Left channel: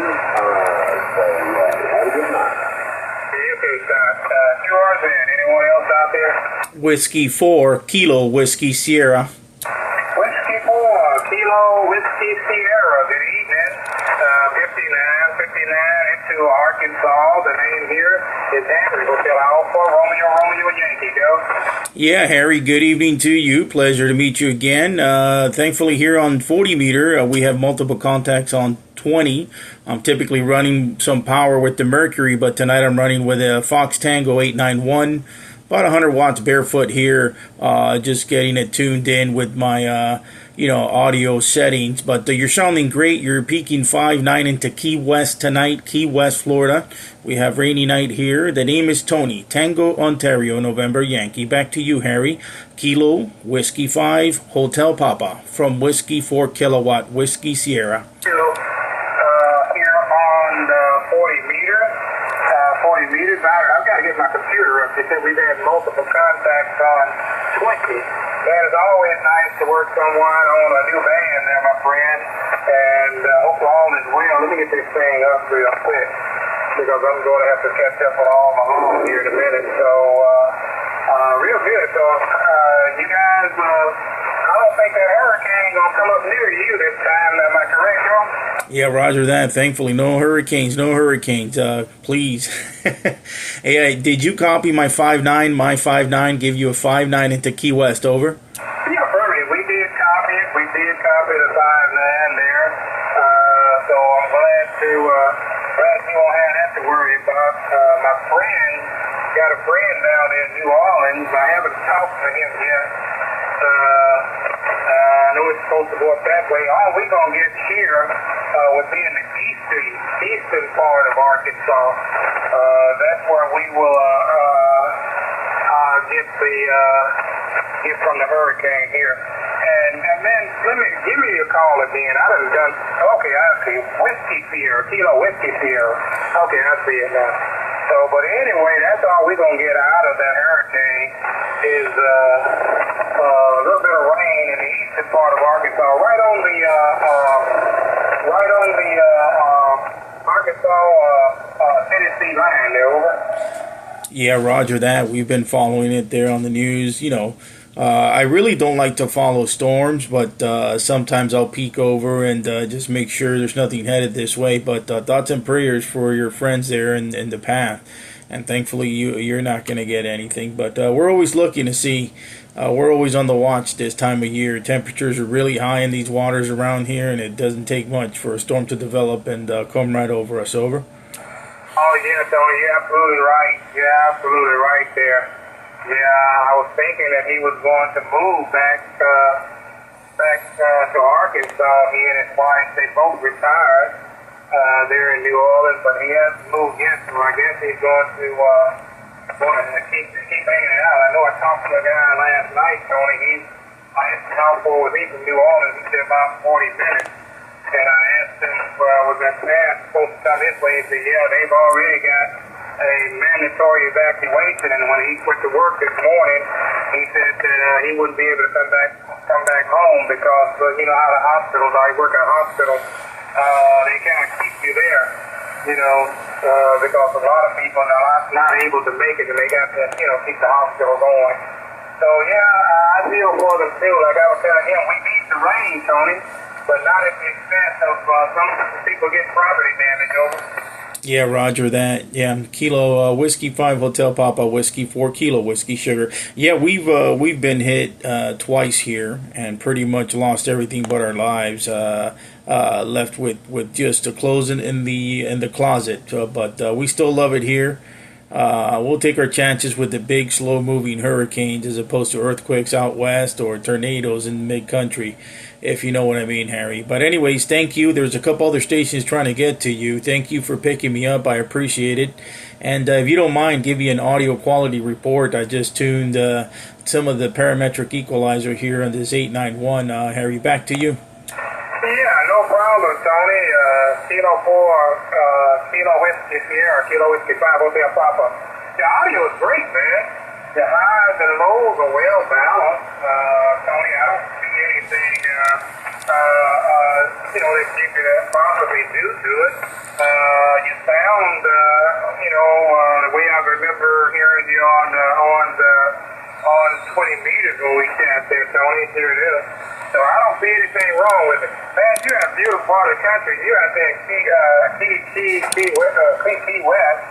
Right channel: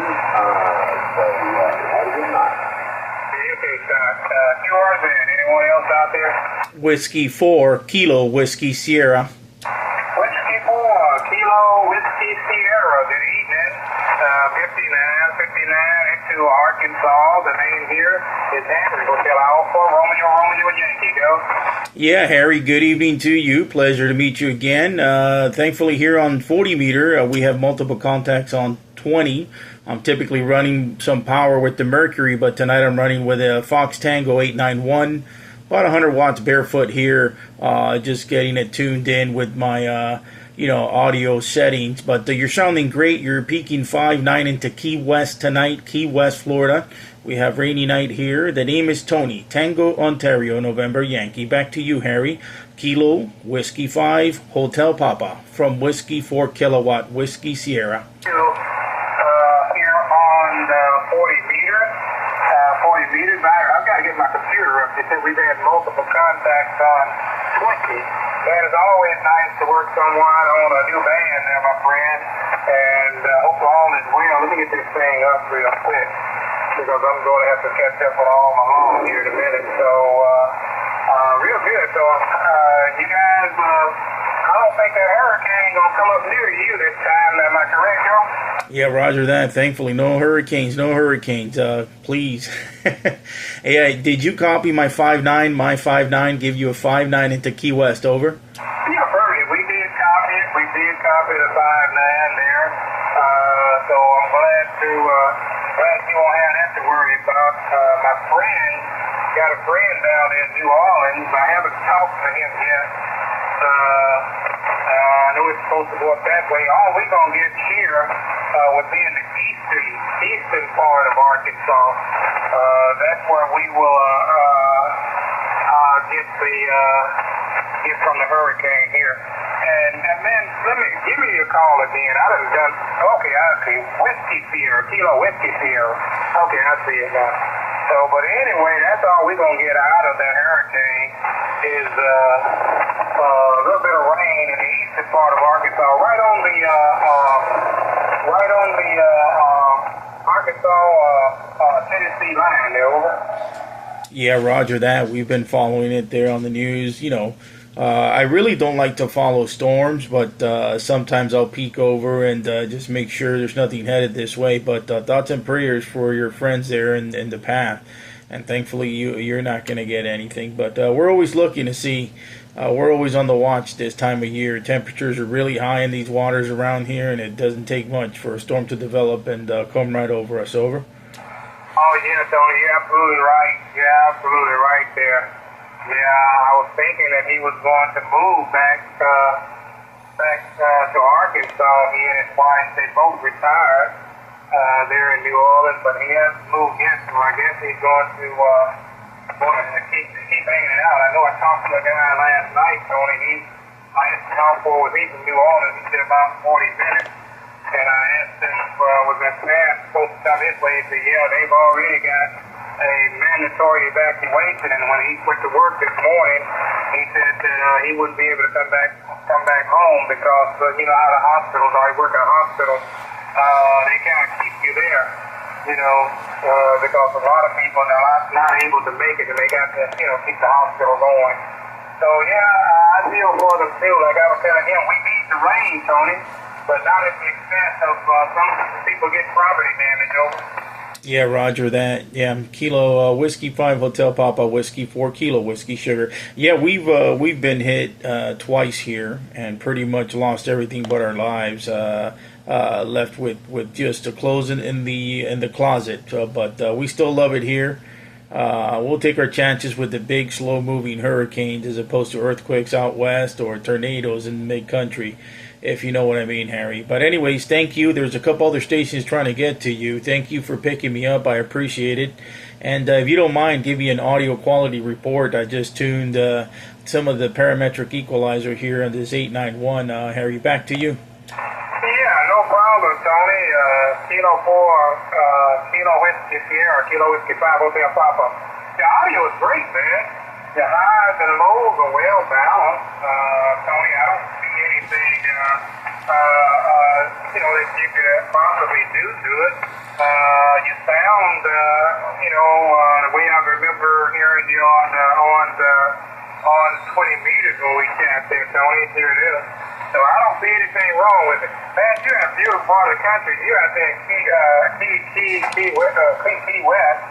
Have a good night. Okay, QR's in. Anyone else out there? Whiskey 4, Kilo Whiskey Sierra. Whiskey 4, Kilo Whiskey Sierra. Good evening. 59 into Arkansas. The name here is Henry Hotel Alpha, Romeo Yankee. Go. Yeah, Harry, good evening to you. Pleasure to meet you again. Thankfully, here on 40 meter, we have multiple contacts on 20. I'm typically running some power with the Mercury, but tonight I'm running with a Fox Tango 891. About 100 watts barefoot here, just getting it tuned in with my audio settings. But you're sounding great. You're peaking 5.9 into Key West tonight, Key West, Florida. We have rainy night here. The name is Tony, Tango, Ontario, November Yankee. Back to you, Harry. Kilo, Whiskey 5, Hotel Papa, from Whiskey 4 kilowatt, Whiskey Sierra. Here on 40 meters. 40 meters. I've got to get my computer up. They said we've had multiple contacts on 20. That is always nice to work someone on a new band there, my friend. And hope all is well. Let me get this thing up real quick, because I'm going to have to catch up on all my home here in a minute. So, real good. So, you guys, I don't think that hurricane going to come up near you this time. Am I correct, Joe? Yeah, roger that. Thankfully, no hurricanes, please. Hey, did you copy my 5.9? My 5.9 give you a 5.9 into Key West, over? Yeah, perfect. We did copy it. We did copy the 5.9 there. So I'm glad you won't have that to worry about. My friend got a friend down in New Orleans. I haven't talked to him yet. I know it's supposed to go up that way. All we're going to get here would be in the eastern part of Arkansas. That's where we will get from the hurricane here. And then give me your call again. Okay, I see. Whiskey Sierra, Kilo Whiskey Sierra. Okay, I see it now. So, but anyway, that's all we're going to get out of that hurricane is a little bit of rain in the eastern part of Arkansas, right on the Arkansas-Tennessee line there, over. Yeah, roger that. We've been following it there on the news. I really don't like to follow storms, but sometimes I'll peek over and just make sure there's nothing headed this way. But thoughts and prayers for your friends there in the path. And thankfully, you're not going to get anything. But we're always looking to see. We're always on the watch this time of year. Temperatures are really high in these waters around here, and it doesn't take much for a storm to develop and come right over us, over. Oh, yeah, Tony, you're absolutely right. You're absolutely right there. Yeah, I was thinking that he was going to move back to Arkansas. He and his wife, they both retired there in New Orleans, but he hasn't moved yet, so I guess he's going to keep hanging out. I know I talked to a guy last night, Tony. I asked him how far was he from New Orleans. He said about 40 minutes. And I asked him, was that man supposed to come this way? He said, yeah, they've already got a mandatory evacuation. And when he went to work this morning, he said that he wouldn't be able to come back home because, you know how the hospitals are. He work at a hospital. They kind of keep you there, because a lot of people are not able to make it, and they got to, keep the hospital going. So, yeah, I feel for them, too. Like I was telling him, we need the rain, Tony, but not at the expense of some people getting property damage, over. Yeah, roger that. Yeah, Kilo Whiskey 5 Hotel Papa, Whiskey 4 Kilo Whiskey Sugar. Yeah, we've been hit twice here and pretty much lost everything but our lives. Left with just a clothes in the closet. But we still love it here. We'll take our chances with the big, slow-moving hurricanes as opposed to earthquakes out west or tornadoes in mid-country, if you know what I mean, Harry. But anyways, thank you. There's a couple other stations trying to get to you. Thank you for picking me up. I appreciate it. And if you don't mind, give you an audio quality report. I just tuned some of the parametric equalizer here on this 891. Harry, back to you. Yeah, no problem, Tony. Kilo 4, Kilo Whiskey Sierra, Kilo Whiskey 5 Hotel Papa. The audio is great, man. The highs and lows are well balanced. Tony, I don't see any anything, that you could possibly do to it. You sound, the way I remember hearing you on 20 meters when we camped there, Tony. Here it is. So I don't see anything wrong with it. Man, you're in a beautiful part of the country. You're out there in Key West.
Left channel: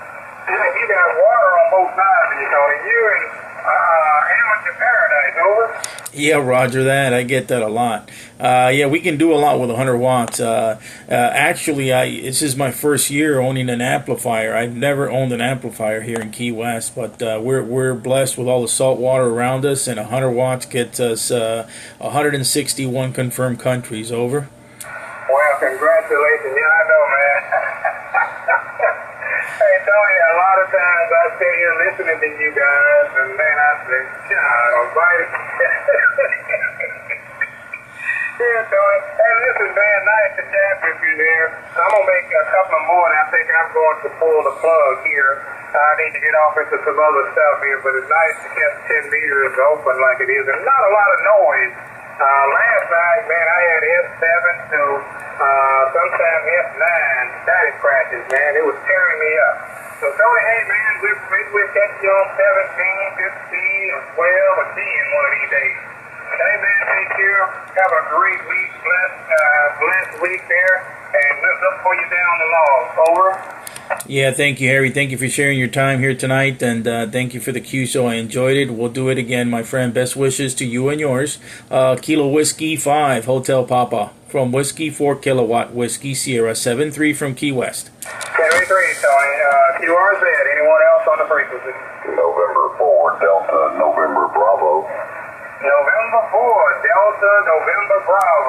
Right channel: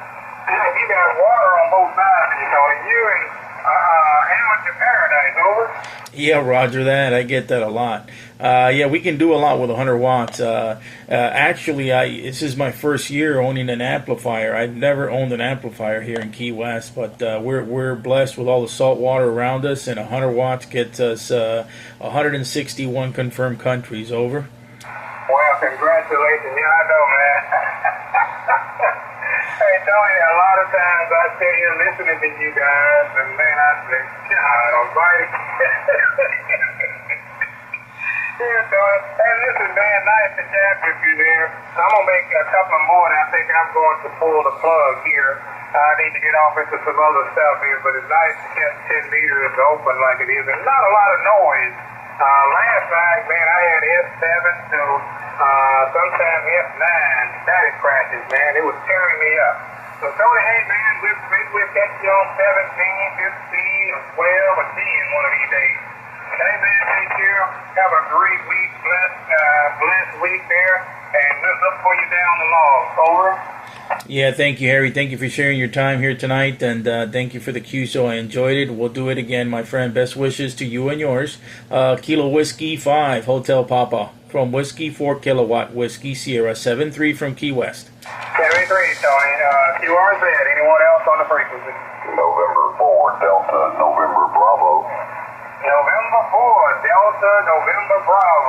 You got water on both sides of you, Tony. You're in amateur paradise, over. Yeah, Roger that. I get that a lot. Yeah, we can do a lot with 100 watts. Actually, this is my first year owning an amplifier. I've never owned an amplifier here in Key West, but we're blessed with all the salt water around us, and 100 watts gets us 161 confirmed countries, over. Well, congratulations. Yeah, I know, man. Hey, Tony, a lot of times I sit here listening to you guys, and man, I say, God almighty. Yeah, Tony. Hey, listen, man, nice to chat with you there. I'm going to make a couple more, and I think I'm going to pull the plug here. I need to get off into some other stuff here, but it's nice to keep 10 meters open like it is, and not a lot of noise. Last night, man, I had S7 to sometimes S9 static crashes, man. It was tearing me up. So, Tony, hey, man, we'll catch you on 17, 15, or 12, or 10 one of these days. Hey, man, take care. Have a great week, blessed week there, and let's look for you down the log. Over. Yeah, thank you, Harry. Thank you for sharing your time here tonight, and thank you for the QSO. I enjoyed it. We'll do it again, my friend. Best wishes to you and yours. Kilo Whiskey 5, Hotel Papa. From Whiskey 4 Kilowatt Whiskey Sierra 73 from Key West. 73, Tony. QRZ. Anyone else on the frequency? November 4, Delta, November Bravo. November 4, Delta, November Bravo.